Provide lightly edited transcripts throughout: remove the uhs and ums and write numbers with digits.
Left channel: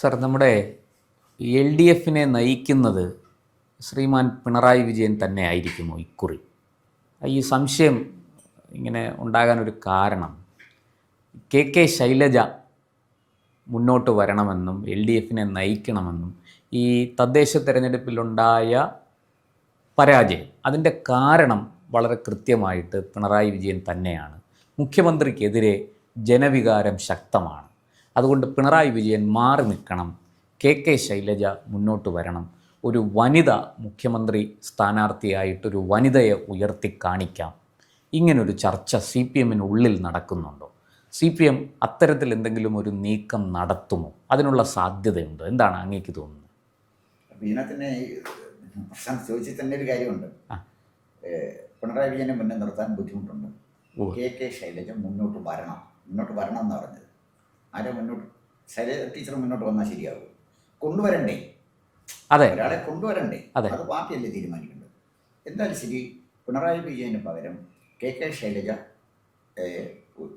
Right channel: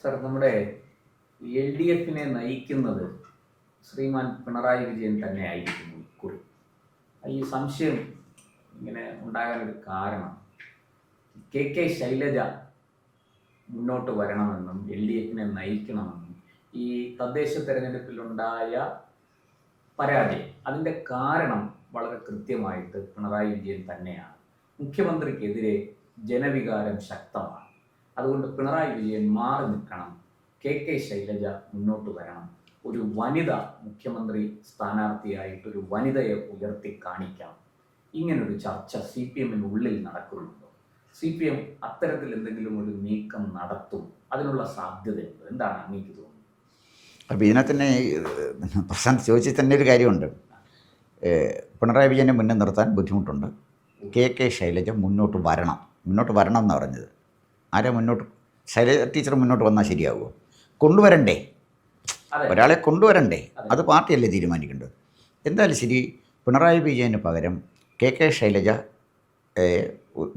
Sir, നമ്മുടെ LDFിനെ നയിക്കുന്നത് ശ്രീമാൻ പിണറായി വിജയൻ തന്നെ ആയിരിക്കുമോ ഇക്കുറി? ഈ സംശയം ഇങ്ങനെ ഉണ്ടാകാനൊരു കാരണം കെ ശൈലജ മുന്നോട്ട് വരണമെന്നും LDFിനെ നയിക്കണമെന്നും ഈ തദ്ദേശ തെരഞ്ഞെടുപ്പിലുണ്ടായ പരാജയം അതിൻ്റെ കാരണം വളരെ കൃത്യമായിട്ട് പിണറായി വിജയൻ തന്നെയാണ്. മുഖ്യമന്ത്രിക്കെതിരെ ജനവികാരം ശക്തമാണ്. അതുകൊണ്ട് പിണറായി വിജയൻ മാറി നിൽക്കണം, കെ ശൈലജ മുന്നോട്ട് വരണം, ഒരു വനിത മുഖ്യമന്ത്രി സ്ഥാനാർത്ഥിയായിട്ടൊരു വനിതയെ ഉയർത്തി കാണിക്കാം. ഇങ്ങനൊരു ചർച്ച CPMനുള്ളിൽ നടക്കുന്നുണ്ടോ? CPM അത്തരത്തിൽ എന്തെങ്കിലും ഒരു നീക്കം നടത്തുമോ? അതിനുള്ള സാധ്യതയുണ്ടോ? എന്താണ് അങ്ങേക്ക് തോന്നുന്നത്? അപ്പോൾ ഇതിനകത്ത് തന്നെ പ്രശാന്ത് ചോദിച്ചിൽ തന്നെ ഒരു കാര്യമുണ്ട്. പിണറായി വിജയനെ മുന്നേ നിർത്താൻ ബുദ്ധിമുട്ടുണ്ട്. കെ ശൈലജ മുന്നോട്ട് വരണം എന്നാണ് പറഞ്ഞത്. ആരാ മുന്നോട്ട്? ശൈലജ ടീച്ചർ മുന്നോട്ട് വന്നാൽ ശരിയാവുമോ? കൊണ്ടുവരണ്ടേ? അതെ, ഒരാളെ കൊണ്ടുവരണ്ടേ? അത് പാർട്ടിയല്ലേ തീരുമാനിക്കേണ്ടത്. എന്തായാലും ശരി, പിണറായി വിജയന് പകരം കെ ശൈലജ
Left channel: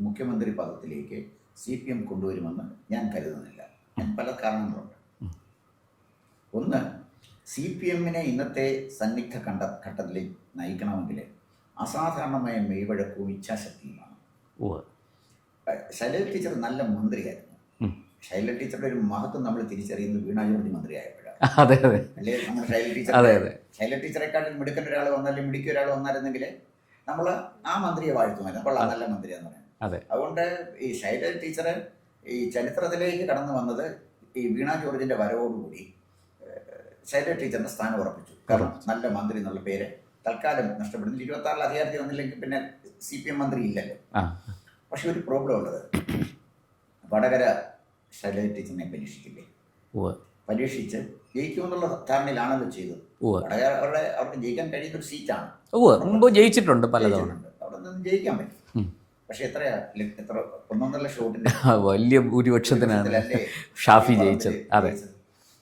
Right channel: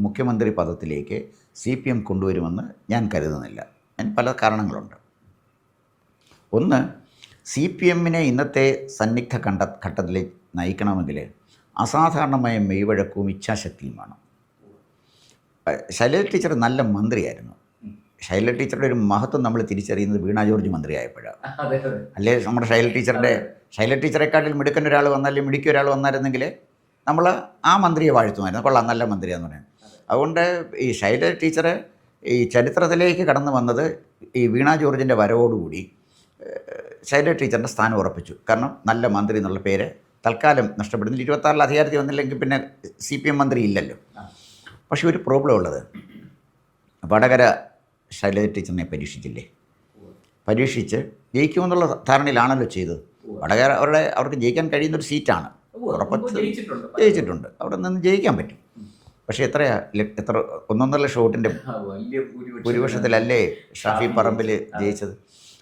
മുഖ്യമന്ത്രി പദത്തിലേക്ക് CPM കൊണ്ടുവരുമെന്ന് ഞാൻ കരുതുന്നില്ല. പല കാരണങ്ങളുണ്ട്. ഒന്ന്, CPMനെ ഇന്നത്തെ സന്നിഗ്ധ ഘട്ടത്തിൽ നയിക്കണമെങ്കിൽ അസാധാരണമായ മെയ്വഴക്കവും ഇച്ഛാശക്തിയും വേണം. ശൈലജ ടീച്ചർ നല്ല മന്ത്രിയായിരുന്നു. ശൈലജ ടീച്ചറുടെ ഒരു മഹത്വം നമ്മൾ തിരിച്ചറിയുന്നത് വീണ ജോർജ് മന്ത്രിയായപ്പോഴാണ്. അതെ അതെ അല്ലേ? നമ്മുടെ ശൈലജ ടീച്ചറെക്കാട്ടിൽ മിടുക്കൻ ഒരാൾ വന്നാലും മിടുക്കിയ ഒരാൾ വന്നായിരുന്നെങ്കിൽ നമ്മൾ ആ മന്ത്രിയെ വാഴ്ത്തുമായിരുന്നു. കൊള്ളാം, നല്ല മന്ത്രിയാന്ന് പറയാൻ. അതുകൊണ്ട് ഈ ശൈലജ ടീച്ചർ ഈ ചരിത്രത്തിലേക്ക് കടന്നു വന്നത് ഈ വീണ ജോർജിൻ്റെ വരവോടുകൂടി ശൈലജ ടീച്ചറിൻ്റെ സ്ഥാനം ഉറപ്പിച്ചു. കാരണം നല്ല മന്ത്രി എന്നുള്ള പേര് തൽക്കാലം നഷ്ടപ്പെടുന്നില്ല. 26-ൽ അധികാരത്തിൽ വന്നില്ലെങ്കിൽ പിന്നെ CPM മന്ത്രി ഇല്ലല്ലോ. പക്ഷേ ഒരു പ്രോബ്ലം ഉള്ളത്, വടകര ശൈലജ ടീച്ചറിനെ പരീക്ഷിച്ചില്ലേ? പരീക്ഷിച്ച് ജയിക്കുമെന്നുള്ള ധാരണയിലാണല്ലോ ചെയ്തത്. വടകര അവർക്ക് ജയിക്കാൻ കഴിയുന്ന ഒരു സീറ്റാണ്. ജയിച്ചിട്ടുണ്ട്. അവിടെ നിന്ന് ജയിക്കാൻ പറ്റും. പക്ഷേ എത്ര 1.5 ലക്ഷം വോട്ടിൻ്റെ വലിയ ഭൂരിപക്ഷത്തിലല്ലേ ഷാഫി പറമ്പിൽ ജയിച്ചത്?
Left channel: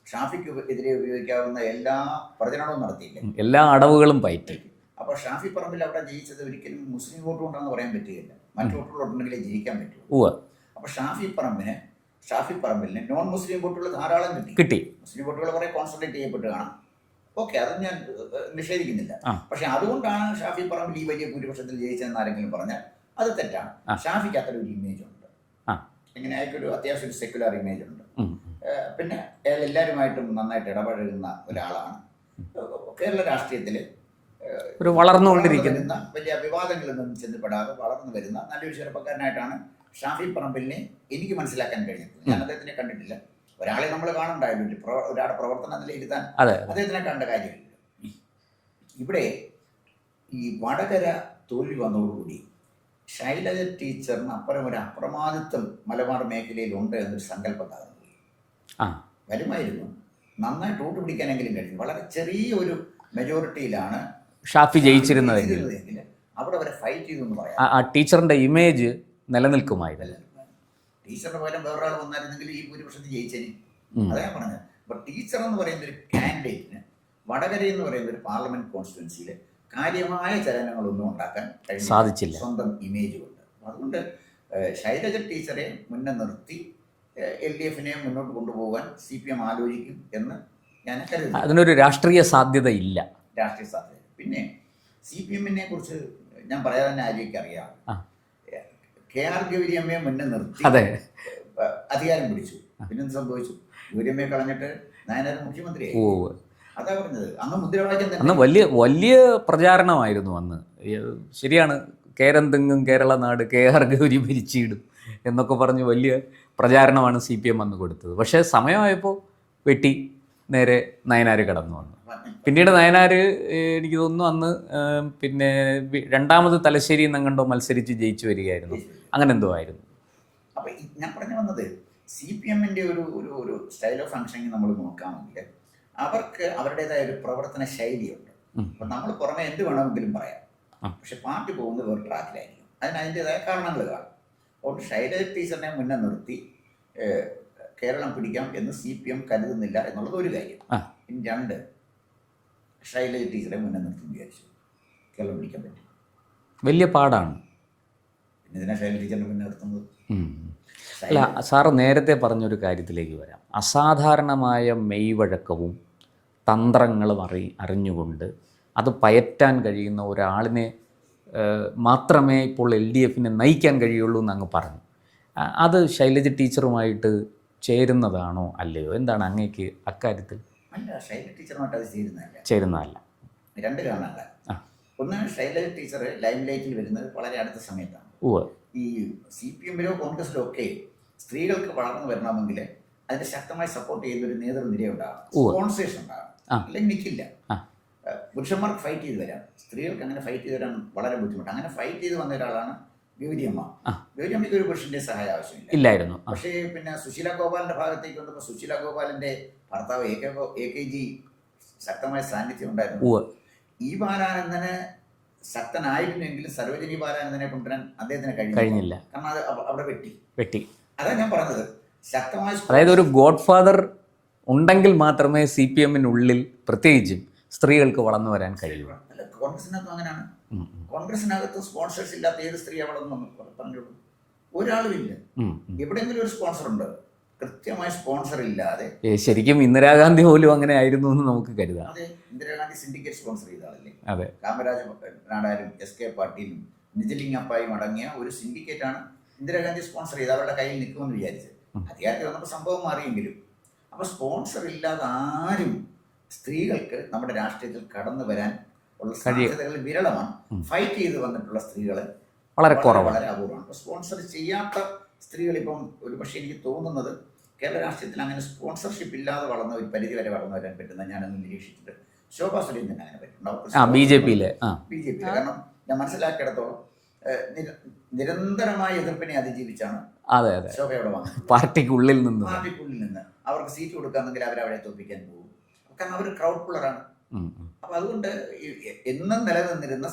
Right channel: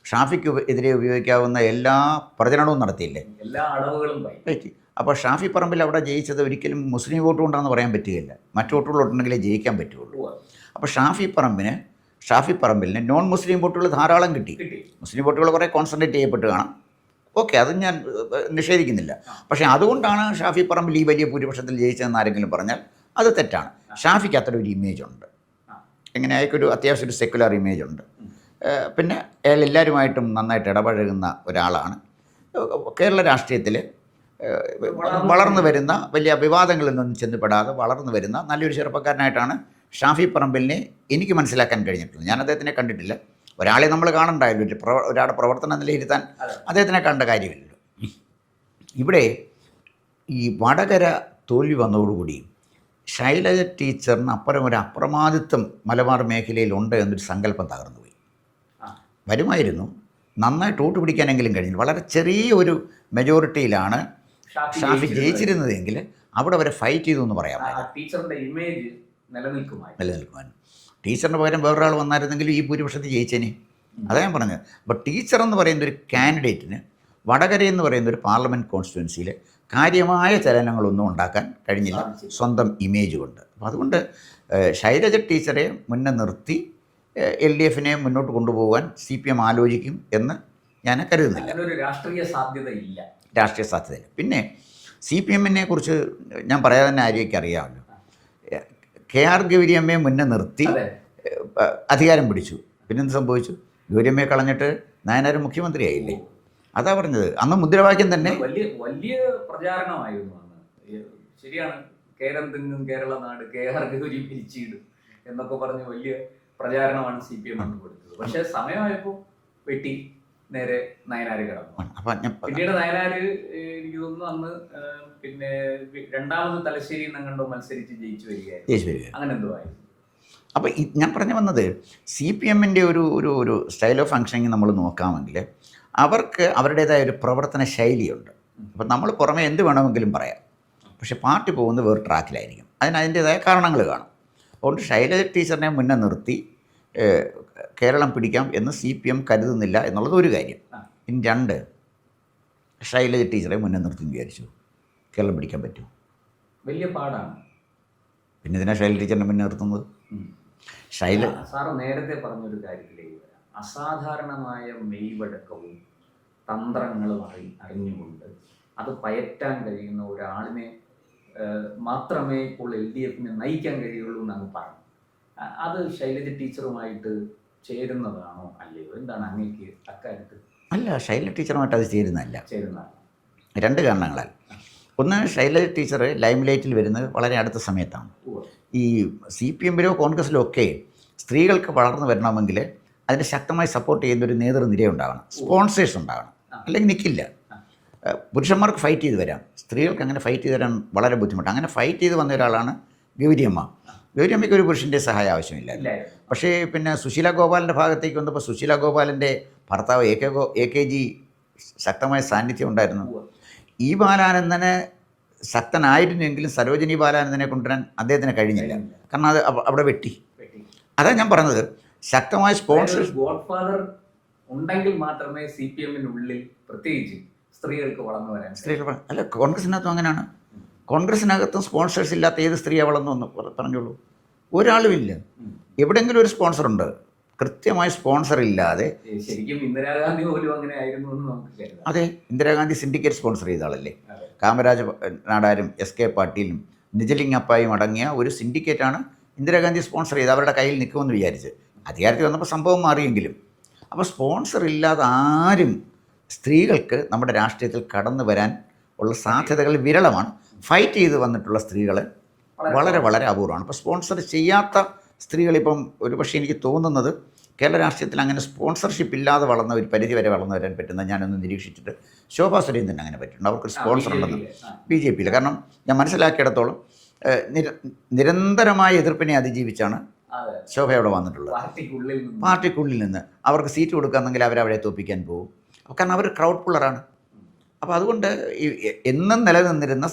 ഷാഫിക്ക് എതിരെ ഉപയോഗിക്കാവുന്ന എല്ലാ പ്രചരണവും നടത്തിയില്ലേ? എല്ലാ അടവുകളും പറ്റി. അപ്പോൾ ഷാഫി പറമ്പിൽ അവിടെ ജയിച്ചത് ഒരിക്കലും മുസ്ലിം വോട്ട് കൊണ്ടാണെന്ന് പറയാൻ പറ്റുകയില്ല. മറ്റു വോട്ടുകളുണ്ടെങ്കിലേ ജയിക്കാൻ പറ്റുള്ളൂ. അപ്പോൾ ഷാഫി പറമ്പിലിന് നോൺ മുസ്ലിം വോട്ടുകൾ ധാരാളം കിട്ടി. മുസ്ലിം വോട്ടുകൾ കുറേ കോൺസെൻട്രേറ്റ് ചെയ്യപ്പെട്ട് കാണാം. ഓക്കെ, അത് ഞാൻ നിഷേധിക്കുന്നില്ല. പക്ഷേ അതുകൊണ്ടാണ് ഷാഫി പറമ്പിൽ ഈ വലിയ ഭൂരിപക്ഷത്തിൽ ജയിച്ചതെന്ന് ആരെങ്കിലും പറഞ്ഞാൽ അത് തെറ്റാണ്. ഷാഫിക്ക് അത്ര ഒരു ഇമേജ് ഉണ്ട്. എങ്ങനെ അയാൾക്കൊരു അത്യാവശ്യം ഒരു സെക്കുലർ ഇമേജ് ഉണ്ട്. പിന്നെ അയാൾ എല്ലാവരുമായിട്ടും നന്നായിട്ട് ഇടപഴകുന്ന ഒരാളാണ്. കേരള രാഷ്ട്രീയത്തിൽ വളർന്നു വരുന്ന, വലിയ വിവാദങ്ങളിലൊന്നും ചെന്നുപെടാതെ വളർന്നു വരുന്ന നല്ലൊരു ചെറുപ്പക്കാരനായിട്ടാണ് ഷാഫി പറമ്പിലിനെ എനിക്ക് മനസ്സിലാക്കാൻ കഴിഞ്ഞിട്ടുള്ളത്. ഞാൻ അദ്ദേഹത്തിനെ കണ്ടിട്ടില്ല. ഒരാളെ നമ്മൾ കാണണ്ടായല്ലോ, ഒരാളുടെ പ്രവർത്തനം നിലയിരുത്താൻ അദ്ദേഹത്തിനെ കണ്ട കാര്യമില്ലല്ലോ. ഇവിടെ ഈ വടകര തോൽവി വന്നതോടുകൂടി ശൈലജ ടീച്ചറിന് അപ്പുറം ഒരു അപ്രമാദിത്വം മലബാർ മേഖലയിൽ ഉണ്ട് എന്നൊരു സങ്കല്പം തകർന്നുപോയി. വരുമായിരുന്നു, നന്നായിട്ട് വോട്ട് പിടിക്കാനെങ്കിലും കഴിഞ്ഞു. വളരെ ചെറിയ ഒരു മെജോറിറ്റിയിലാണ് ഷാഫി ജയിച്ചിരുന്നതെങ്കിൽ അവിടെ വരെ ഫൈറ്റ് ചെയ്തു എന്ന് പറയാം. ടീച്ചറിൻ്റെ ഇമേജ് നിലനിൽക്കുമായിരുന്നു. ടീച്ചറിന് പകരം വേറൊരാൾ വന്നായിരുന്നെങ്കിലും ഈ ഭൂരിപക്ഷത്തിൽ ജയിച്ചേനെ. അതാ ഞാൻ പറഞ്ഞത്. അപ്പോൾ ടീച്ചർ എന്ന് പറയുന്ന ഒരു കാൻഡിഡേറ്റിന് വടകര എന്ന് പറയുന്ന ഒരു പാർലമെൻറ്റ് കോൺസ്റ്റിറ്റ്യുവൻസിയിൽ കാര്യമായ ചലനങ്ങളൊന്നും ഉണ്ടാക്കാൻ സാധിച്ചില്ല, സ്വന്തം ഇമേജ് കൊണ്ട്. അപ്പോൾ അതുകൊണ്ട് ശൈലജ ടീച്ചറെ മുന്നേ നിർത്തി LDFിനെ മുന്നോട്ട് കൊണ്ടുപോകാൻ CPM ആലോചിക്കും എന്ന് ഞാൻ കരുതുന്നു. അതിനൊരു രാഷ്ട്രീയ സാധ്യതയില്ല. പിന്നെ CPMനെ കുറിച്ച് ഞാൻ പറയാതെ തന്നെ ആരെയൊക്കെ അറിയാമല്ലോ. KR ഗൗരിയമ്മയെ മുന്നേ നിർത്തി അധികാരം പിടിച്ചു. പിന്നെന്ത് സംഭവിച്ചു? ഗൗരിയമ്മയെ കളഞ്ഞിട്ട് നായനാർ മുഖ്യമന്ത്രിയായി. അതാ പറഞ്ഞത്. അന്ന് മുദ്രാവാക്യം തന്നെ വലിയ പ്രചാരണമായിരുന്നു അന്ന്. ശരിയാണ്, കേരന്തെങ്ങും കേരള നാട് KR ഗൗരി ഭരിച്ചിടും എന്നൊക്കെ പറഞ്ഞ് വലിയ പ്രചാരണമാണ് CPM അന്ന് കൊടുത്തത്. പക്ഷേ സമയമായപ്പോൾ വെട്ടി നേരെ നയനാർ കടന്നു. പിന്നീട് നയനാർ എനിക്ക് തോന്നുന്നു അന്ന് പിന്നെ രണ്ടാമത് തലശ്ശേരി എന്നങ്ങണ്ടോ മത്സരിച്ച് ജയിച്ചു വരികയായിരുന്നു. അങ്ങനെ എന്തോ ആയിരുന്നു. അപ്പോൾ ഞാൻ പറഞ്ഞു വന്നത്, CPMൻ്റെ ഒരു സ്റ്റൈൽ ഓഫ് ഫങ്ഷനിങ് നമ്മൾ നോക്കാമെങ്കിൽ അവർക്ക് അവരുടേതായ ഒരു പ്രവർത്തന ശൈലിയുണ്ട്. അപ്പം നമ്മൾ പുറമെ എന്ത് വേണമെങ്കിലും പറയാം. പക്ഷെ പാർട്ടി പോകുന്നത് വേറെ ട്രാക്കിലായിരിക്കും. അതിൻ്റേതായ കാരണങ്ങൾ കാണും. അതുകൊണ്ട് ശൈലജ ടീച്ചറിനെ മുന്നേ നിർത്തി കേരളം പിടിക്കാം എന്ന് CPM കരുതുന്നില്ല എന്നുള്ളത് ഒരു കാര്യം. ഇനി 2, ശൈലജ ടീച്ചറെ മുന്നേ നിർത്തി വിചാരിച്ചു കേരളം പിടിക്കാൻ പറ്റും? വലിയ പാടാണ്. പിന്നെ ഇതിനാ ശൈലജ ടീച്ചറിനെ മുന്നേ നിർത്തുന്നത്? സാറ് നേരത്തെ പറഞ്ഞൊരു കാര്യത്തിലേക്ക് വരാം. അസാധാരണമായ മെയ്വഴക്കവും തന്ത്രങ്ങളും അറിഞ്ഞുകൊണ്ട് അത് പയറ്റാൻ കഴിയുന്ന ഒരാളിനെ മാത്രമേ ഇപ്പോൾ LDFനെ നയിക്കാൻ കഴിയുള്ളൂ എന്നങ്ങ് പറഞ്ഞു. അത് ശൈലജ ടീച്ചറുമായിട്ട് ചേരുന്നതാണോ അല്ലയോ? എന്താണ് അങ്ങേക്ക് അക്കാര്യത്തിൽ? അല്ല, ശൈലജ ടീച്ചറുമായിട്ട് അത് ചേരുന്നതല്ല. 2 കാരണങ്ങളാൽ. ഒന്ന്, ശൈലജ ടീച്ചർ ലൈം ലൈറ്റിൽ വരുന്നത് വളരെ അടുത്ത സമയത്താണ്. ഈ CPMലോ കോൺഗ്രസ്സിലോ ഒക്കെ സ്ത്രീകൾക്ക് വളർന്നു വരണമെങ്കിൽ അതിന് ശക്തമായി സപ്പോർട്ട് ചെയ്യുന്ന ഒരു നേതൃനിര ഉണ്ടാവണം, സ്പോൺസേഴ്സ് ഉണ്ടാവണം, അല്ലെങ്കിൽ നിൽക്കില്ല. പുരുഷന്മാർക്ക് ഫൈറ്റ് ചെയ്ത് വരാം, സ്ത്രീകൾക്ക് അങ്ങനെ ഫൈറ്റ് ചെയ്ത് വരാൻ വളരെ ബുദ്ധിമുട്ട്. അങ്ങനെ ഫൈറ്റ് ചെയ്ത് വന്ന ഒരാളാണ് ഗൗരിയമ്മ. ഗൗരിയമ്മയ്ക്ക് ഒരു പുരുഷൻ്റെ സഹായം ആവശ്യമില്ലായിരുന്നു. പക്ഷേ പിന്നെ സുശീല ഗോപാലിൻ്റെ ഭാഗത്തേക്ക് വന്നപ്പോൾ സുശീല ഗോപാലിൻ്റെ ഭർത്താവ് AKG ശക്തമായ സാന്നിധ്യം ഉണ്ടായിരുന്നു. ഈ ബാലാനന്ദന് ശക്തനായിരുന്നെങ്കിലും സരോജിനി ബാലാനന്ദനെ കൊണ്ടുവരാൻ അദ്ദേഹത്തിന് കഴിഞ്ഞില്ല. കാരണം അത് അവിടെ വെട്ടി. അതാണ് ഞാൻ പറഞ്ഞത്, ശക്തമായ ഒരു ഗോഡ് ഫാദർ ഉണ്ടെങ്കിൽ മാത്രമേ CPMനുള്ളിൽ പ്രത്യേകിച്ചും സ്ത്രീകൾക്ക് വളർന്നു വരാൻ കഴിയും. അല്ല, കോൺഗ്രസിനകത്തും അങ്ങനെയാണ്. കോൺഗ്രസിനകത്തും സ്പോൺസേഴ്സ് ഇല്ലാത്ത ഏത് സ്ത്രീയെ വളർന്നു എന്ന് പറഞ്ഞോളൂ. ഒരാളുമില്ല. എവിടെയെങ്കിലും ഒരു സ്പോൺസറുണ്ട്. കൃത്യമായ സ്പോൺസർ ഇല്ലാതെ. ശരിക്കും ഇന്ദിരാഗാന്ധി പോലും അങ്ങനെ ആയിരുന്നു എന്ന് നമുക്ക് കരുതാം. അതെ, ഇന്ദിരാഗാന്ധി സിൻഡിക്കേറ്റ് സ്പോൺസർ ചെയ്ത ആളല്ലേ. അതെ, കാമരാജ് നാടാരും SK പാട്ടീലും നിജലിംഗപ്പായും അടങ്ങിയ ഒരു സിൻഡിക്കേറ്റാണ് ഇന്ദിരാഗാന്ധി സ്പോൺസർ ചെയ്ത് അവരുടെ കയ്യിൽ നിൽക്കുമെന്ന് വിചാരിച്ച്. അധികാരത്തിൽ വന്നപ്പോൾ സംഭവം മാറിയെങ്കിലും. അപ്പോൾ സ്പോൺസർ ഇല്ലാതെ ആരും സ്ത്രീകൾക്ക് നമ്മുടെ രാഷ്ട്രീയത്തിൽ കടന്നു വരാൻ ഉള്ള സാധ്യതകൾ വിരളമാണ്. ഫൈറ്റ് ചെയ്ത് വന്നിട്ടുള്ള സ്ത്രീകൾ വളരെ അപൂർവമാണ്. ഇപ്പോൾ സ്പോൺസർ ചെയ്യാത്ത സ്ത്രീകളിപ്പം ഒരു പക്ഷേ എനിക്ക് തോന്നുന്നത് കേരള രാഷ്ട്രീയത്തിൽ അങ്ങനെ സ്പോൺസർഷിപ്പ് ഇല്ലാതെ വളർന്ന ഒരു പരിധി വരെ വളർന്നു വരാൻ പറ്റുന്ന ഞാനൊന്ന് നിരീക്ഷിച്ചിട്ട് ശോഭാ സുരേന്ദ്രൻ അങ്ങനെ പറ്റുന്നുണ്ട്. അവർക്ക് BJP കാരണം ഞാൻ മനസ്സിലാക്കിയിടത്തോളം നിരന്തരമായ എതിർപ്പിനെ അതിജീവിച്ചാണ് ശോഭ അവിടെ വന്നിട്ടുള്ളത്. പാർട്ടിക്കുള്ളിൽ നിന്ന് അവർക്ക് സീറ്റ് കൊടുക്കാമെങ്കിൽ അവരവിടെ തോപ്പിക്കാൻ പോകും. കാരണം അവർ ക്രൗഡ് പുള്ളറാണ്. അപ്പോൾ അതുകൊണ്ട് എന്നും നിലനിന്നിരുന്ന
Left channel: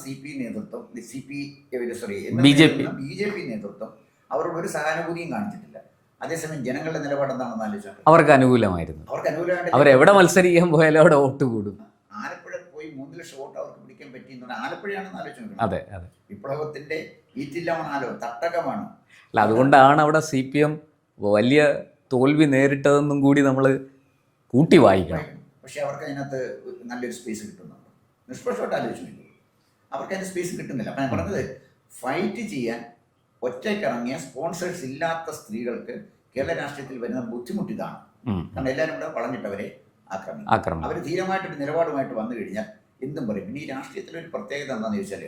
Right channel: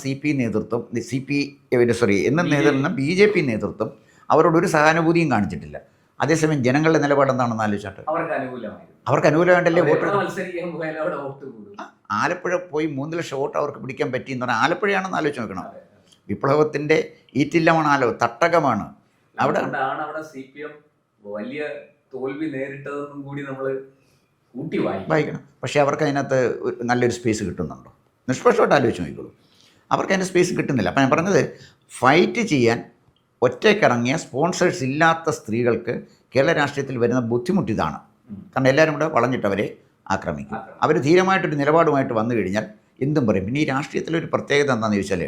BJP നേതൃത്വം അവരോടൊരു സഹാനുഭൂതിയും കാണിച്ചിട്ടില്ല. അതേസമയം ജനങ്ങളുടെ നിലപാട് എന്താണെന്ന് ആലോചിച്ചാട്ട് അവർക്ക് അനുകൂലമായിട്ടല്ലോ. എവിടെ മത്സരിക്കാൻ പോയാലും അവിടെ വോട്ട് കൂടും. ആലപ്പുഴ പോയി 3 ലക്ഷം വോട്ട് അവർക്ക് പിടിക്കാൻ പറ്റിയെന്ന് പറഞ്ഞാൽ ആലപ്പുഴയാണെന്ന് ആലോചിച്ച് നോക്കണം. വിപ്ലവത്തിൻ്റെ ഈറ്റില്ലമാണല്ലോ, തട്ടകമാണ്. അതുകൊണ്ടാണ് അവിടെ CPM വലിയ തോൽവി നേരിട്ടതെന്നും കൂടി നമ്മൾ കൂട്ടി വായിക്കണം. പക്ഷേ അവർക്ക് അതിനകത്ത് നല്ലൊരു സ്പേസ് കിട്ടുന്നുണ്ടോ? നിഷ്പക്ഷമായിട്ട് ആലോചിച്ച് നോക്കിക്കോളൂ. അവർക്ക് അതിന് സ്പേസ് കിട്ടുന്നില്ല. അപ്പം ഞാൻ പറഞ്ഞത്, ഫൈറ്റ് ചെയ്യാൻ ഒറ്റയ്ക്കിറങ്ങിയ സ്പോൺസേഴ്സ് ഇല്ലാത്ത സ്ത്രീകൾക്ക് കേരള രാഷ്ട്രീയത്തിൽ വരുന്ന ബുദ്ധിമുട്ട് ഇതാണ്. കാരണം എല്ലാവരും കൂടെ വളഞ്ഞിട്ട് അവരെ ആക്രമിക്കും. അവർ ധീരമായിട്ടൊരു നിലപാടുമായിട്ട് വന്നു കഴിഞ്ഞാൽ എന്തും പറയും. പിന്നെ ഈ രാഷ്ട്രീയത്തിലൊരു പ്രത്യേകത എന്താണെന്ന് ചോദിച്ചാൽ,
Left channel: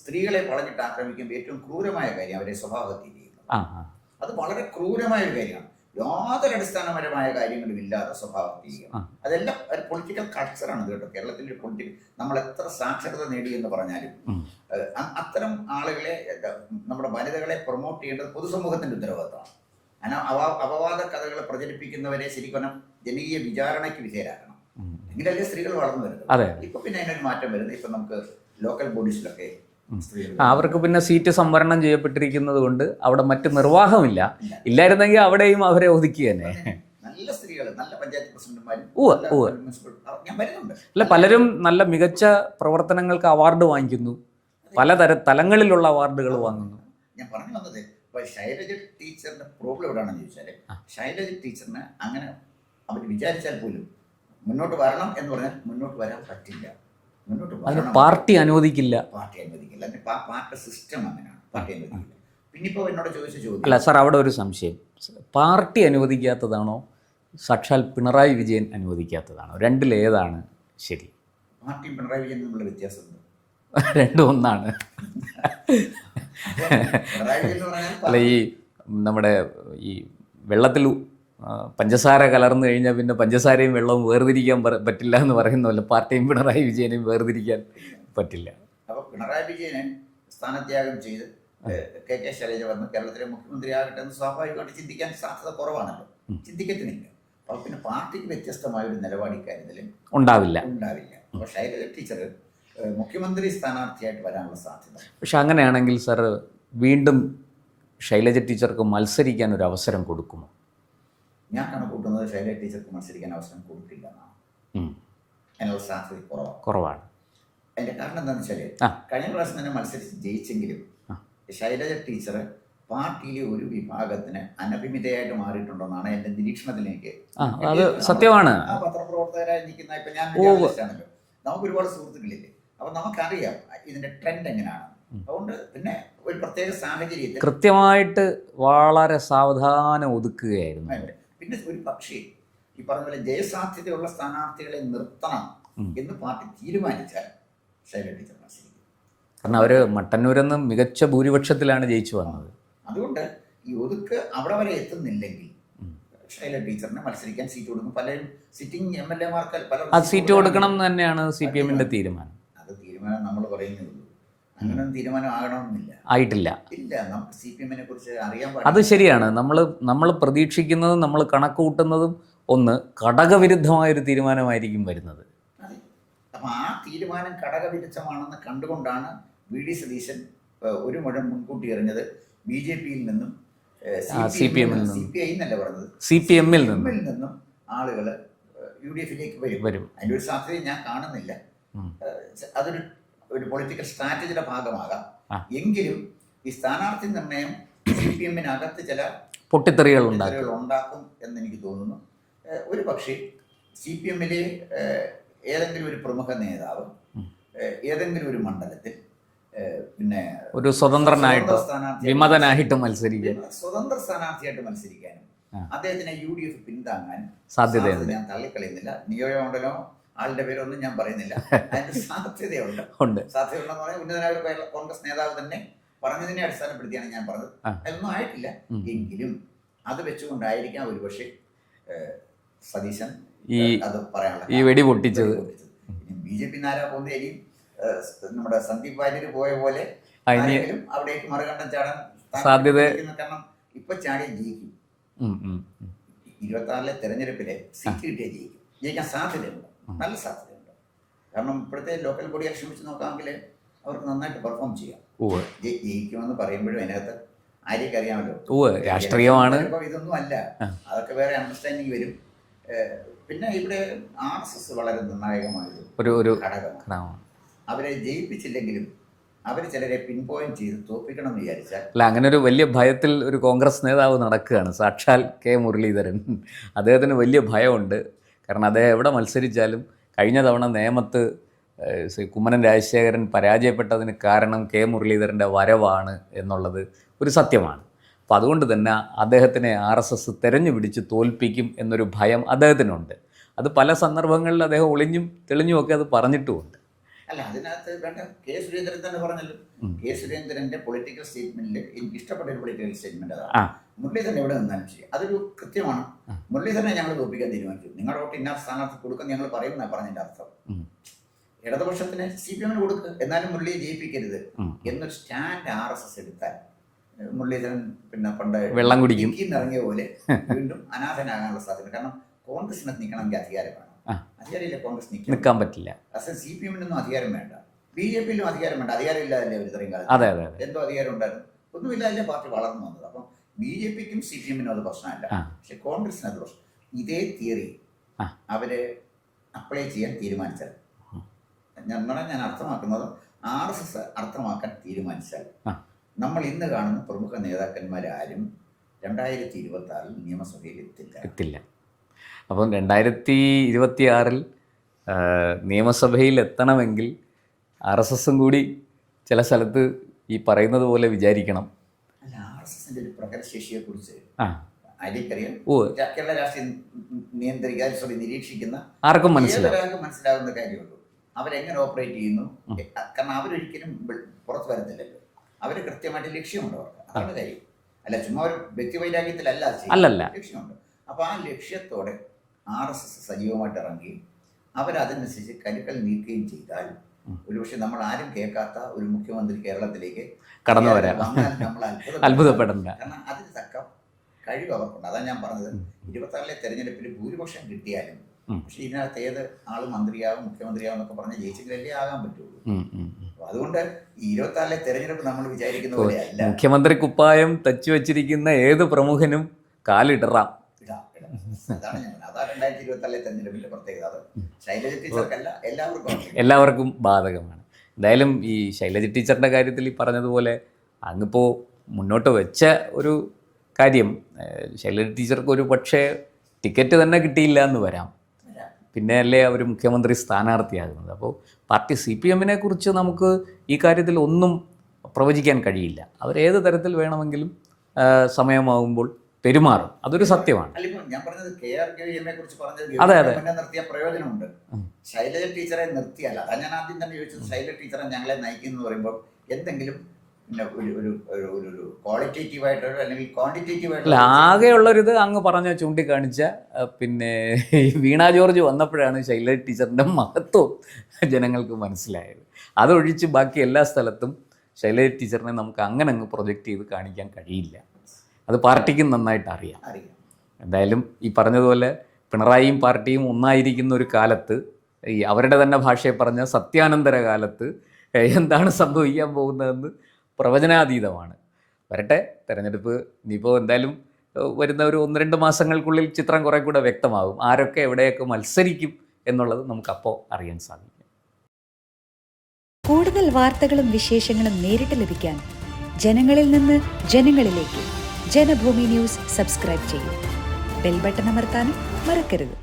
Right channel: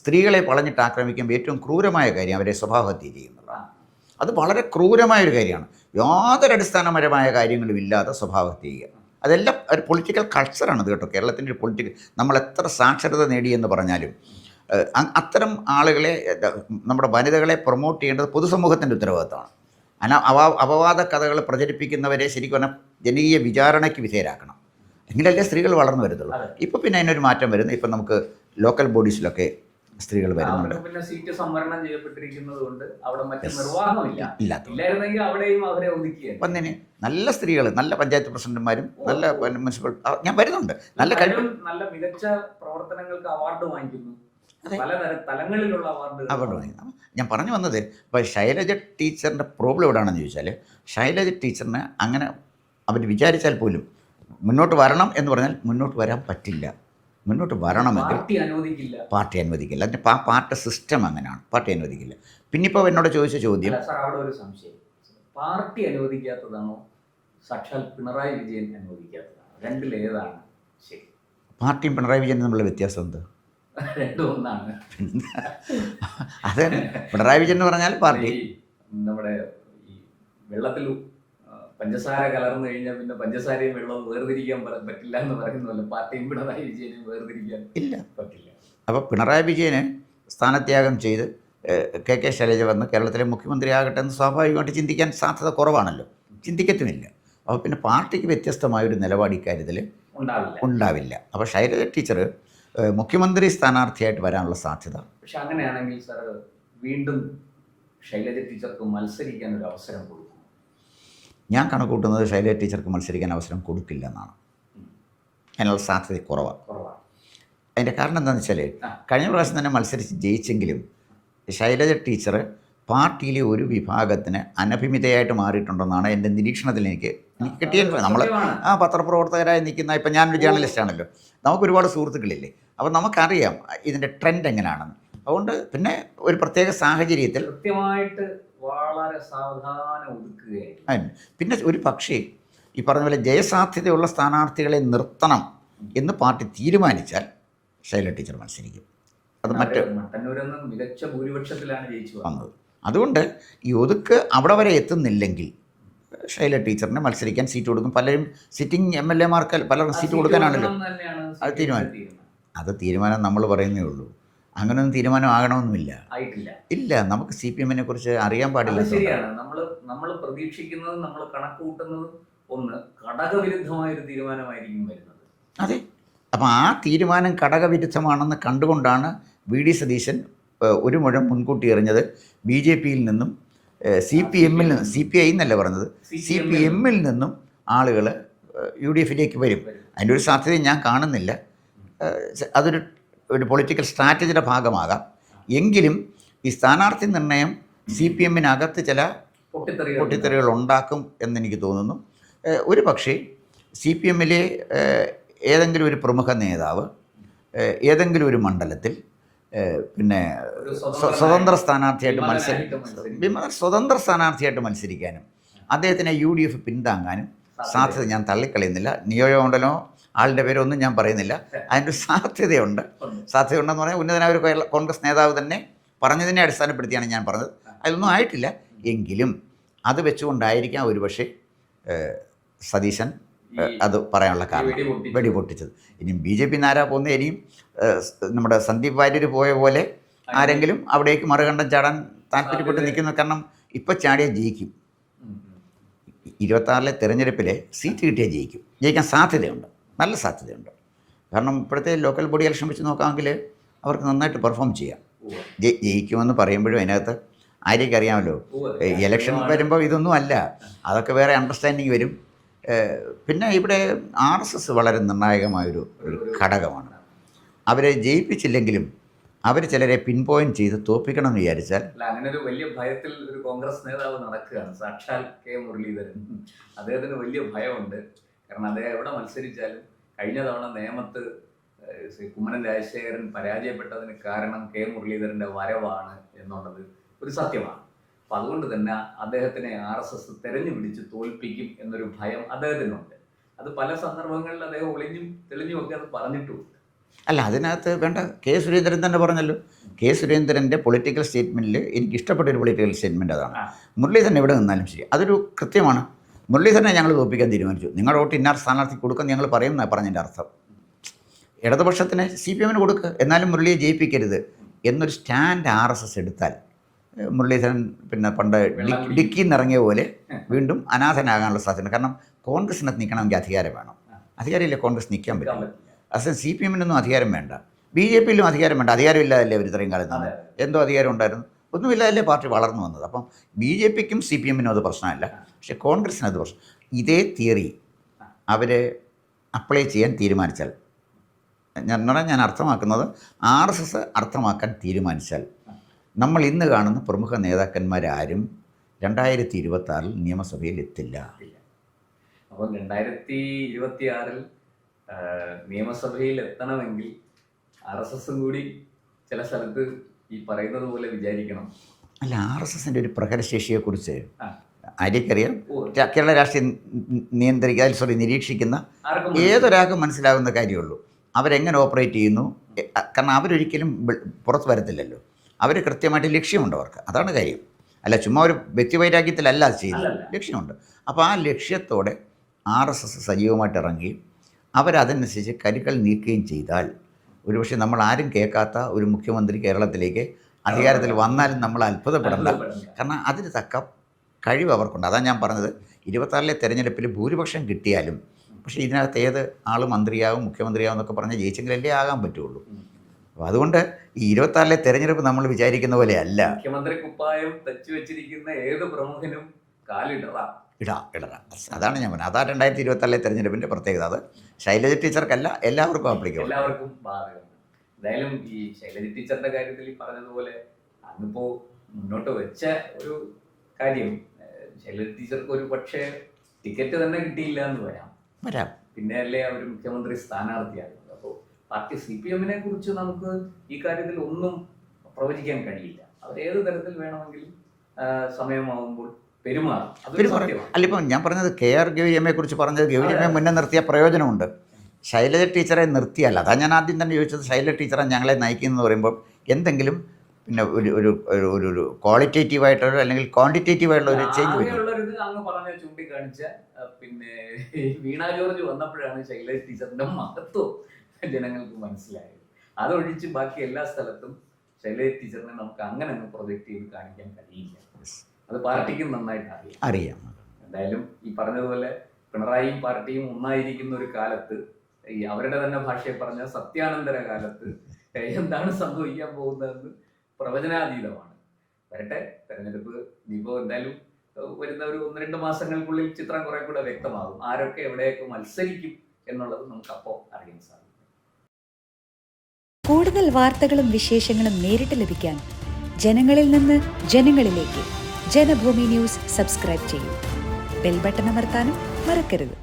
സ്ത്രീകളെ വളഞ്ഞിട്ട് ആക്രമിക്കുമ്പോൾ ഏറ്റവും ക്രൂരമായ കാര്യം അവരെ സ്വഭാവഹത്യ ചെയ്യുന്നത്. അത് വളരെ ക്രൂരമായൊരു കാര്യമാണ്. യാതൊരു അടിസ്ഥാനപരമായ കാര്യങ്ങളും ഇല്ലാതെ സ്വഭാവഹത്യ ചെയ്യുക. അതെല്ലാം ഒരു പൊളിറ്റിക്കൽ കൾച്ചറാണത് കേട്ടോ. കേരളത്തിൻ്റെ ഒരു പൊളിറ്റിക്കൽ, നമ്മൾ എത്ര സാക്ഷരത നേടിയെന്ന് പറഞ്ഞാലും അത്തരം ആളുകളെ, നമ്മുടെ വനിതകളെ പ്രൊമോട്ട് ചെയ്യേണ്ടത് പൊതുസമൂഹത്തിൻ്റെ ഉത്തരവാദിത്തമാണ്. അപവാദ കഥകൾ പ്രചരിപ്പിക്കുന്നവരെ ശരിക്കും പറഞ്ഞാൽ ജനകീയ വിചാരണയ്ക്ക് വിധേയരാക്കണം. എങ്കിലല്ലേ സ്ത്രീകൾ വളർന്നു വരുന്നുള്ളൂ. ഇപ്പോൾ പിന്നെ അതിനൊരു മാറ്റം വരുന്നു. ഇപ്പം നമുക്ക് ലോക്കൽ ബോഡീസിലൊക്കെ സ്ത്രീകൾ, അവർക്ക് പിന്നെ സീറ്റ് സംവരണം ചെയ്യപ്പെട്ടിരിക്കുന്നത് കൊണ്ട് അവിടെ മറ്റ് നിർവാഹമില്ല. ഇല്ലായിരുന്നെങ്കിൽ അവിടെയും അവരെ ഒതുക്കിയാണ്. നല്ല സ്ത്രീകൾ, നല്ല പഞ്ചായത്ത് പ്രസിഡന്റുമാരും മുനിസിപ്പൽ ഞാൻ വരുന്നുണ്ട്. പലരും നല്ല മികച്ച പ്രവർത്തനങ്ങൾക്ക് അവാർഡ് വാങ്ങിക്കുന്നു. തലങ്ങളിലുള്ള അവാർഡുകൾ വാങ്ങുന്നു. ഞാൻ പറഞ്ഞു വന്നത്, ഇപ്പോൾ ശൈലജ ടീച്ചറിൻ്റെ പ്രോബ്ലം എവിടെയാണെന്ന് ചോദിച്ചാൽ, ശൈലജ ടീച്ചറിന് അങ്ങനെ അവർ വിചാരിച്ചാൽ പോലും മുന്നോട്ട് വരണം എന്ന് പറഞ്ഞാൽ മുന്നോട്ട് വരാൻ പറ്റില്ല. മുന്നോട്ട് വരണം, പാർട്ടി അനുവദിക്കില്ല. അതിൻ്റെ പാർട്ടി സിസ്റ്റം അങ്ങനെയാണ്, പാർട്ടി അനുവദിക്കില്ല. പിന്നെ ഇപ്പോൾ എന്നോട് ചോദിച്ച ചോദ്യം. അല്ല സാർ, അവിടെ ഒരു സംശയം. പാർട്ടി അനുവദിക്കാത്തതാണോ സാക്ഷാൽ പിണറായി വിജയൻ അനുവദിക്കാത്തതാണോ? രണ്ടിലേതാണ് ശരി? പാർട്ടിയും പിണറായി വിജയനും തമ്മിലുള്ള വ്യത്യാസം എന്ത്? രണ്ടും ഒന്നാണ്. അത് പിണറായി വിജയൻ എന്ന് പറഞ്ഞാൽ ഈ നമ്മുടെ ഈ വെള്ളത്തിൽ പഞ്ചസാര കലർന്നു കഴിഞ്ഞാൽ പിന്നെ പഞ്ചസാരയും വെള്ളവും വേർതിരിക്കാൻ പറ്റില്ല എന്ന് പറയുന്ന പോലെ പാർട്ടിയും പിണറായി വിജയനെയും വേർതിരിക്കാൻ പറ്റില്ല. അപ്പോൾ പിണറായി വിജയന് സ്ഥാനത്യാഗം ചെയ്ത് KK ശൈലജ വന്ന് കേരളത്തിലെ മുഖ്യമന്ത്രി ആകട്ടെ എന്ന് സ്വാഭാവികമായിട്ട് ചിന്തിക്കാൻ സാധ്യത കുറവാണല്ലോ, ചിന്തിക്കത്തുമില്ല. അപ്പോൾ പിന്നെ പാർട്ടിക്ക് വ്യത്യസ്തമായൊരു നിലപാട് ഇക്കാര്യത്തിൽ ഉണ്ടാവില്ല. അപ്പോൾ ശൈലജ ടീച്ചർ മുഖ്യമന്ത്രി സ്ഥാനാർത്ഥിയായിട്ട് വരാനുള്ള സാധ്യത. പക്ഷെ അങ്ങനെയാണെങ്കിൽ സാർ, വീണ്ടും ശൈലജ ടീച്ചർക്ക് മത്സരിക്കാൻ ഒരു അവസരം കൊടുക്കുമോ? ഞാൻ കണക്കൂട്ടുന്നത് ശൈലജ ടീച്ചർക്ക് മത്സരിക്കാൻ അവസരം കൊടുക്കില്ല എന്നാണ്. അതിനുള്ള സാധ്യത കുറവാണ്. അതിൻ്റെ കാരണം എന്താണെന്ന് വെച്ചാൽ, കഴിഞ്ഞ പ്രാവശ്യം തന്നെ മത്സരിച്ച് ജയിച്ചെങ്കിലും ശൈലജ ടീച്ചർ പാർട്ടിയിലെ ഒരു വിഭാഗത്തിന് അനഭിമിതയായിട്ട് മാറിയിട്ടുണ്ടെന്നാണ് എൻ്റെ നിരീക്ഷണത്തിൽ എനിക്ക് അത് കിട്ടിയിട്ടുള്ളത്. സത്യമാണ്. ആ പത്രപ്രവർത്തകരായി നിൽക്കുന്ന, ഇപ്പം ഞാനൊരു ജേർണലിസ്റ്റാണല്ലോ, നമുക്ക് ഒരുപാട് സുഹൃത്തുക്കളില്ലേ, അപ്പോൾ നമുക്കറിയാം ഇതിൻ്റെ ട്രെൻഡ് എങ്ങനെയാണെന്ന്. അതുകൊണ്ട് പിന്നെ ഒരു പ്രത്യേക സാഹചര്യത്തിൽ കൃത്യമായിട്ട് വളരെ സാവധാനം ഒതുക്കുകയായിരുന്നു. അതിന് പിന്നെ ഒരു പക്ഷേ ഈ പറഞ്ഞ പോലെ ജയസാധ്യതയുള്ള സ്ഥാനാർത്ഥികളെ നിർത്തണം എന്ന് പാർട്ടി തീരുമാനിച്ചാൽ ശൈല ടീച്ചർ മത്സരിക്കും. അവർ മട്ടന്നൂരെന്ന് മികച്ച ഭൂരിപക്ഷത്തിലാണ് ജയിച്ചു വന്നത്. അതുകൊണ്ട് ഈ ഒതുക്ക് അവിടെ വരെ എത്തുന്നില്ലെങ്കിൽ ശൈല ടീച്ചറിന് മത്സരിക്കാൻ സീറ്റ് കൊടുക്കും. പലരും സിറ്റിംഗ് MLA-മാർക്ക് പലരും സീറ്റ് കൊടുക്കണം എന്ന് തന്നെയാണ് CPM-ന്റെ തീരുമാനം. അത് തീരുമാനം നമ്മൾ പറയുന്നേ ഉള്ളൂ. അങ്ങനൊന്നും തീരുമാനം ആകണമെന്നുമില്ല, ആയിട്ടില്ല. ഇല്ല. നമുക്ക് CPM-നെ കുറിച്ച് അറിയാൻ അത് പാടില്ല. ശരിയാണ്. നമ്മൾ പ്രതീക്ഷിക്കുന്നതും നമ്മൾ കണക്ക് കൂട്ടുന്നതും ഒന്ന് ഘടകവിരുദ്ധമായൊരു തീരുമാനമായിരിക്കും വരുന്നത്. അതെ. അപ്പോൾ ആ തീരുമാനം ഘടകവിരുദ്ധമാണെന്ന് കണ്ടുകൊണ്ടാണ് VD സതീശൻ ഒരു മുഴം മുൻകൂട്ടി എറിഞ്ഞത്. BJP-യിൽ നിന്നും CPM-ൽ നിന്നും, CPI എന്നല്ല പറഞ്ഞത്, CPM-ൽ നിന്നും ആളുകൾ UDF-ലേക്ക് വരും. അതിൻ്റെ ഒരു സാധ്യത ഞാൻ കാണുന്നില്ല. അതൊരു പൊളിറ്റിക്കൽ സ്ട്രാറ്റജിയുടെ ഭാഗമാകാം. എങ്കിലും ഈ സ്ഥാനാർത്ഥി നിർണയം CPM-നകത്ത് ചില പൊട്ടിത്തെറികൾ ഉണ്ടാക്കും എന്നെനിക്ക് തോന്നുന്നു. ഒരു പക്ഷേ CPM-ലെ ഏതെങ്കിലും ഒരു പ്രമുഖ നേതാവ് ഏതെങ്കിലും ഒരു മണ്ഡലത്തിൽ പിന്നെ ഒരു സ്വതന്ത്ര സ്ഥാനാർത്ഥിയായിട്ട് മത്സരിക്കാനും അദ്ദേഹത്തിനെ UDF പിന്താങ്ങാനും സാധ്യത ഞാൻ തള്ളിക്കളയുന്നില്ല. നിയോജകമണ്ഡലമോ ആളുടെ പേരൊന്നും ഞാൻ പറയുന്നില്ല, അതിൻ്റെ സാധ്യതയുണ്ടെന്ന് പറഞ്ഞാൽ ഉന്നതനായ ഒരു കോൺഗ്രസ് നേതാവ് തന്നെ പറഞ്ഞതിനെ അടിസ്ഥാനപ്പെടുത്തിയാണ് ഞാൻ പറഞ്ഞത്. അതിലൊന്നും ആയിട്ടില്ല. എങ്കിലും അത് വെച്ചുകൊണ്ടായിരിക്കാം ഒരുപക്ഷെ സതീശൻ അത് പറയാനുള്ള വെടി പൊട്ടിച്ചത്. ഇനിയും BJP നാരാ പോകുന്ന ഇനിയും നമ്മുടെ സന്ദീപ് വാര്യർ പോയ പോലെ ആരെങ്കിലും അവിടേക്ക് മറുകണ്ഠം ചാടാൻ താല്പര്യപ്പെടുന്നു. കാരണം ഇപ്പം ചാടിയാൽ ജയിക്കും. 26-ലെ തെരഞ്ഞെടുപ്പിലെ സീറ്റ് കിട്ടിയാൽ ജയിക്കാൻ സാധ്യതയുണ്ട്, നല്ല സാധ്യതയുണ്ട്. കാരണം ഇപ്പോഴത്തെ ലോക്കൽ ബോഡി ഇലക്ഷൻ വെച്ച് നോക്കാമെങ്കിൽ അവർക്ക് നന്നായിട്ട് പെർഫോം ചെയ്യാം. ജയിക്കുമെന്ന് പറയുമ്പോഴും അതിനകത്ത് ആരെയൊക്കെ അറിയാമല്ലോ, ഇലക്ഷൻ വരുമ്പോൾ ഇതൊന്നും അല്ല, അതൊക്കെ വേറെ അണ്ടർസ്റ്റാൻഡിങ് വരും. പിന്നെ ഇവിടെ RSS വളരെ നിർണായകമായൊരു ഘടകമാണ്. അവരെ ജയിപ്പിച്ചില്ലെങ്കിലും അവർ ചിലരെ പിൻ പോയിന്റ് ചെയ്ത് തോൽപ്പിക്കണം എന്ന് വിചാരിച്ചാൽ അങ്ങനെ ഒരു വലിയ ഭയത്തിൽ ഒരു കോൺഗ്രസ് നേതാവ് നടക്കുകയാണ്, സാക്ഷാൽ മുരളീധരൻ. അദ്ദേഹത്തിന് വലിയ ഭയമുണ്ട്. കാരണം അദ്ദേഹം എവിടെ മത്സരിച്ചാലും കഴിഞ്ഞ തവണ നേമത്ത് കുമ്മനം രാജശേഖരൻ പരാജയപ്പെട്ടതിന് കാരണം മുരളീധരൻ്റെ വരവാണ് എന്നുള്ളത് ഒരു സത്യമാണ്. അപ്പോൾ അതുകൊണ്ട് തന്നെ അദ്ദേഹത്തിനെ RSS തെരഞ്ഞു പിടിച്ച് തോൽപ്പിക്കും എന്നൊരു ഭയം അദ്ദേഹത്തിനുണ്ട്. അത് പല സന്ദർഭങ്ങളിൽ അദ്ദേഹം ഒളിഞ്ഞും തെളിഞ്ഞുമൊക്കെ അത് പറഞ്ഞിട്ടുമുണ്ട്. അല്ല, അതിനകത്ത് വേണ്ട, സുരേന്ദ്രൻ തന്നെ പറഞ്ഞല്ലോ. സുരേന്ദ്രൻ്റെ പൊളിറ്റിക്കൽ സ്റ്റേറ്റ്മെൻറ്റിൽ എനിക്ക് ഇഷ്ടപ്പെട്ട ഒരു പൊളിറ്റിക്കൽ സ്റ്റേറ്റ്മെൻറ്റ് അതാണ്. മുരളീധരൻ എവിടെ നിന്നാലും ശരി, അതൊരു കൃത്യമാണ്. മുരളീധരനെ ഞങ്ങൾ തോൽപ്പിക്കാൻ തീരുമാനിച്ചു, നിങ്ങളുടെ വോട്ട് ഇന്നാർ സ്ഥാനാർത്ഥി കൊടുക്കാൻ ഞങ്ങൾ പറയുമെന്നാണ് പറഞ്ഞതിൻ്റെ അർത്ഥം. ഇടതുപക്ഷത്തിന് CPM-ന് കൊടുക്കുക, എന്നാലും മുരളിയെ ജയിപ്പിക്കരുത് എന്നൊരു സ്റ്റാൻഡ് RSS എടുത്താൽ മുരളീധരൻ പിന്നെ പണ്ട് വെള്ളം കുടിക്കിന്നിറങ്ങിയ പോലെ വീണ്ടും അനാഥനാകാനുള്ള സാധ്യത. കാരണം കോൺഗ്രസിനകത്ത് നിൽക്കണമെങ്കിൽ അധികാരം വേണം. അധികാരമില്ല, കോൺഗ്രസ് നിൽക്കാൻ പറ്റില്ല. അത് CPM-നൊന്നും അധികാരം വേണ്ട, BJP-യിലും അധികാരം വേണ്ട. അധികാരമില്ലാതല്ലേ അവർ ഇത്രയും കാലത്ത്? എന്തോ അധികാരം ഉണ്ടായിരുന്നു, ഒന്നുമില്ലാതല്ലേ പാർട്ടി വളർന്നു വന്നത്. അപ്പം BJP-ക്കും CPM-നും അത് പ്രശ്നമല്ല, പക്ഷെ കോൺഗ്രസിന് അത് പ്രശ്നം. ഇതേ തിയറി അവർ അപ്ലൈ ചെയ്യാൻ തീരുമാനിച്ചാൽ, ഞാൻ അർത്ഥമാക്കുന്നത് RSS അർത്ഥമാക്കാൻ തീരുമാനിച്ചാൽ, നമ്മൾ ഇന്ന് കാണുന്ന പ്രമുഖ നേതാക്കന്മാരാരും 2026-ൽ നിയമസഭയിൽ എത്തില്ല. അപ്പം 2026-ൽ നിയമസഭയിൽ എത്തണമെങ്കിൽ RSS-ഉം കൂടി ചില സ്ഥലത്ത് ഈ പറയുന്നത് പോലെ വിചാരിക്കണം. അല്ല, RSS-ൻ്റെ ഒരു പ്രഹരശേഷിയെക്കുറിച്ച് ആരെക്കറിയാം? കേരള രാഷ്ട്രീയം നിരീക്ഷിക്കുന്ന ഏതൊരാൾക്കും മനസ്സിലാകുന്ന കാര്യമുള്ളൂ. അവരെങ്ങനെ ഓപ്പറേറ്റ് ചെയ്യുന്നു. കാരണം അവരൊരിക്കലും പുറത്ത് വരത്തില്ലല്ലോ, അവർ കൃത്യമായിട്ട് ലക്ഷ്യമുണ്ട് അവർക്ക്, അതാണ് കാര്യം. അല്ല, ചുമ്മാ ഒരു വ്യക്തിവൈരാഗ്യത്തിലല്ല ചെയ്യുന്നത്, ലക്ഷ്യമുണ്ട്. അപ്പോൾ ആ ലക്ഷ്യത്തോടെ RSS സജീവമായിട്ട് ഇറങ്ങുകയും അവരതനുസരിച്ച് കരുക്കൾ നീക്കുകയും ചെയ്താൽ ഒരുപക്ഷെ നമ്മൾ ആരും കേൾക്കാത്ത ഒരു മുഖ്യമന്ത്രി കേരളത്തിലേക്ക് അധികാരത്തിൽ വന്നാൽ നമ്മൾ അത്ഭുതപ്പെടില്ല. കാരണം അതിന് തക്ക കഴിവ് അവർക്കുണ്ട്. അതാണ് ഞാൻ പറഞ്ഞത്, 26-ലെ തെരഞ്ഞെടുപ്പിൽ ഭൂരിപക്ഷം കിട്ടിയാലും പക്ഷേ ഇതിനകത്ത് ഏത് ആൾ മന്ത്രിയാവും മുഖ്യമന്ത്രിയാവും എന്നൊക്കെ പറഞ്ഞാൽ ജയിച്ചെങ്കിലല്ലേ ആകാൻ പറ്റുള്ളൂ. അപ്പോൾ അതുകൊണ്ട് ഈ 26-ലെ തെരഞ്ഞെടുപ്പ് നമ്മൾ വിചാരിക്കുന്ന പോലെ അല്ല. മുഖ്യമന്ത്രി കുപ്പായം തച്ചു വെച്ചിരിക്കുന്ന ഏത് പ്രമുഖനും കാലിടറാം. അതാണ് ഞാൻ പറഞ്ഞത്. അതാണ് 2026-ലെ തെരഞ്ഞെടുപ്പിൻ്റെ പ്രത്യേകത. അത് ശൈലജ ടീച്ചർക്കല്ല, എല്ലാവർക്കും ബാധകമാണ്. എന്തായാലും ഈ ശൈലജ ടീച്ചറിൻ്റെ കാര്യത്തിൽ ഈ പറഞ്ഞതുപോലെ അങ്ങിപ്പോൾ മുന്നോട്ട് വെച്ച ഒരു കാര്യം ശൈലജ ടീച്ചർക്ക് ഒരു പക്ഷേ ടിക്കറ്റ് തന്നെ കിട്ടിയില്ല എന്ന് വരാം. പിന്നെ അല്ലേ അവർ മുഖ്യമന്ത്രി സ്ഥാനാർത്ഥിയാകുന്നത്. അപ്പോൾ പാർട്ടി CPM-നെ കുറിച്ച് നമുക്ക് ഈ കാര്യത്തിൽ ഒന്നും പ്രവചിക്കാൻ കഴിയില്ല. അവരേത് തരത്തിൽ വേണമെങ്കിലും സമയമാകുമ്പോൾ പെരുമാറും. അതൊരു സത്യമാണ്. അല്ല, ഇപ്പം ഞാൻ പറഞ്ഞത് KR ഗൗരിയമ്മയെ കുറിച്ച് പറഞ്ഞത് ഗൗരിയമ്മയെ മുന്നേ നിർത്തിയ പ്രയോജനമുണ്ട്. ശൈലജ ടീച്ചറെ നിർത്തിയല്ല. അതാ ഞാൻ ആദ്യം തന്നെ ചോദിച്ചത്. ശൈലജ ടീച്ചറെ ഞങ്ങളെ നയിക്കുന്നു പറയുമ്പോൾ എന്തെങ്കിലും പിന്നെ ഒരു ഒരു ക്വാളിറ്റേറ്റീവായിട്ടൊരു അല്ലെങ്കിൽ ക്വാണ്ടിറ്റേറ്റീവായിട്ടുള്ള ആകെയുള്ളൊരിത് അങ്ങ് പറഞ്ഞ ചൂണ്ടിക്കാണിച്ച പിന്നെ വീണ ജോർജ് വന്നപ്പോഴാണ് ശൈലജ ടീച്ചറിൻ്റെ മഹത്വം ജനങ്ങൾക്ക് മനസ്സിലായത്. അതൊഴിച്ച് ബാക്കി എല്ലാ സ്ഥലത്തും ശൈലജ ടീച്ചറിനെ നമുക്ക് അങ്ങനെ അങ്ങ് പ്രൊജക്റ്റ് ചെയ്ത് കാണിക്കാൻ കഴിയില്ല. അത് പാർട്ടിക്കും നന്നായിട്ട് അറിയാം. എന്തായാലും ഈ പറഞ്ഞതുപോലെ പിണറായിയും പാർട്ടിയും ഒന്നായിരിക്കുന്ന ഒരു കാലത്ത്, ഈ അവരുടെ തന്നെ ഭാഷയെ പറഞ്ഞ സത്യാനന്തര കാലത്ത് എന്താണ് സംഭവിക്കാൻ പോകുന്നതെന്ന് പ്രവചനാതീതമാണ്. വരട്ടെ തെരഞ്ഞെടുപ്പ്. ഇനിയിപ്പോൾ എന്തായാലും വരുന്ന ഒരു 1-2 മാസങ്ങൾക്കുള്ളിൽ ചിത്രം കുറേ കൂടെ വ്യക്തമാകും. ആരൊക്കെ എവിടെയൊക്കെ മത്സരിക്കും എന്നുള്ളത് നമുക്കപ്പോൾ അറിയാൻ സാധിക്കും. കൂടുതൽ വാർത്തകളും വിശേഷങ്ങളും നേരിട്ട് ലഭിക്കാൻ ജനങ്ങളിൽ നിന്ന് ജനങ്ങളിലേക്ക് ജനഭൂമി ന്യൂസ് സബ്സ്ക്രൈബ് ചെയ്യൂ. ബെൽ ബട്ടൺ അമർത്താനും മറക്കരുത്.